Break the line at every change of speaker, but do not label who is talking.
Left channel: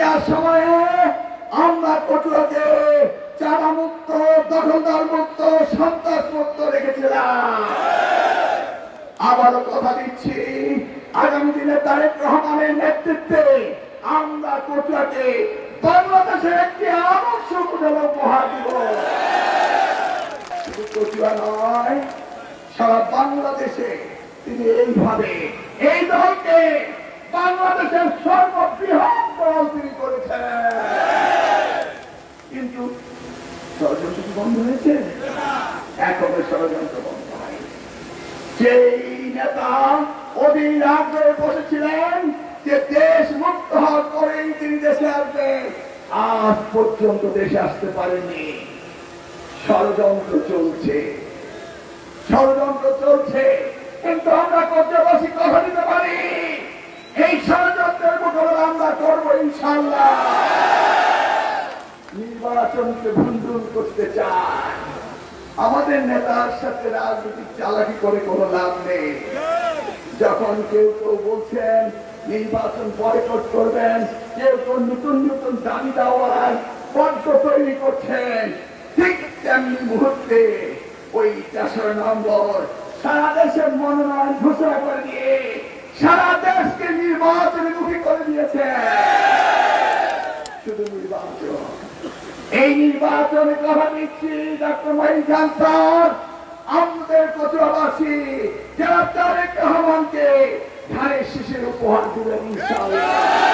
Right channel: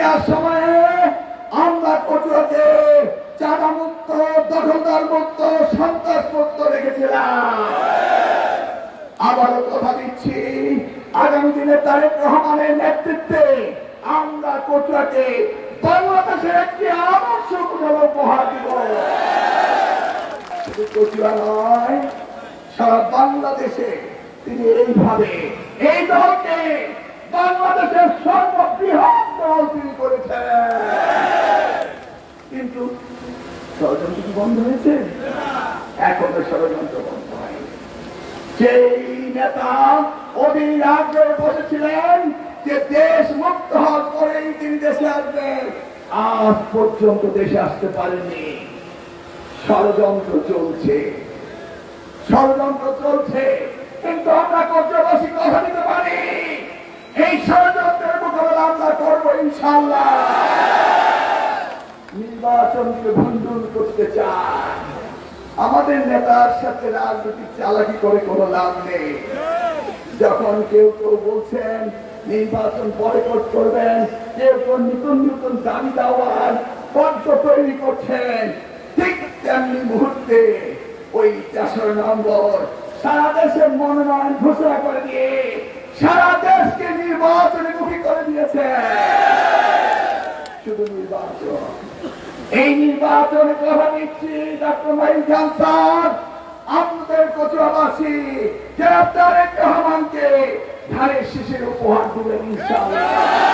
জিয়ার সময়ে আমরা কচুয়াকে চাঁদা মুক্ত দখলদার মুক্ত সন্ত্রাস মুক্ত রেখেছিলাম। আবারও কথা দিচ্ছি, আগামী দিনে তারেক রহমানের নেতৃত্বে আমরা বাংলাদেশের একটি আদর্শ উপহার দিব শুধু নয়, সারা বাংলাদেশে তিনি এইভাবে, এই দলকে বাংলাদেশের সর্ববৃহৎ দল তিনি করেছেন কিন্তু ষড়যন্ত্র কি বন্ধ হয়েছে। এখনও ষড়যন্ত্র বন্ধ সেই নেতা অধীর আগ্রহে বসেছিলেন যে দেশ মুক্ত হওয়ার পরেই তিনি দেশে আসবেন। আজ পর্যন্ত দেশে আসতে পারেননি। ষড়যন্ত্র চলছে। ষড়যন্ত্র চলছে। কিন্তু আমরা কর্যবাসী কথা দিতে পারি। এই ষড়যন্ত্রের মোকাবেলা আমরা করব ইনশাল্লাহ নির্বাচনকে ভণ্ডুল করতে চায়। আমাদের নেতার সাথে রাজনীতি চালাকি করে কোনো লাভ নেই। যখন কেউ কেউ বলছেন, নির্বাচন বয়কট করবেন, কেউ কেউ নতুন নতুন দাবি দেওয়ার পদ্ম তৈরি করছেন, ঠিক তেমনি মুহূর্তে ওই তেসরা নম্বর সারা দেশে মনোনয়ন ঘোষণা করে দিয়ে সারা দেশকে নির্বাচনে মুখী করে দিয়েছে শুধু নির্বাচন। এই নির্বাচন কথা দিচ্ছি ডাক্তার খান স্যার। আমাদের কচুরাবাসী যারা তারেক রহমানকে ধারের শিশির উপহার দিলেন ইনশাআল্লাহ।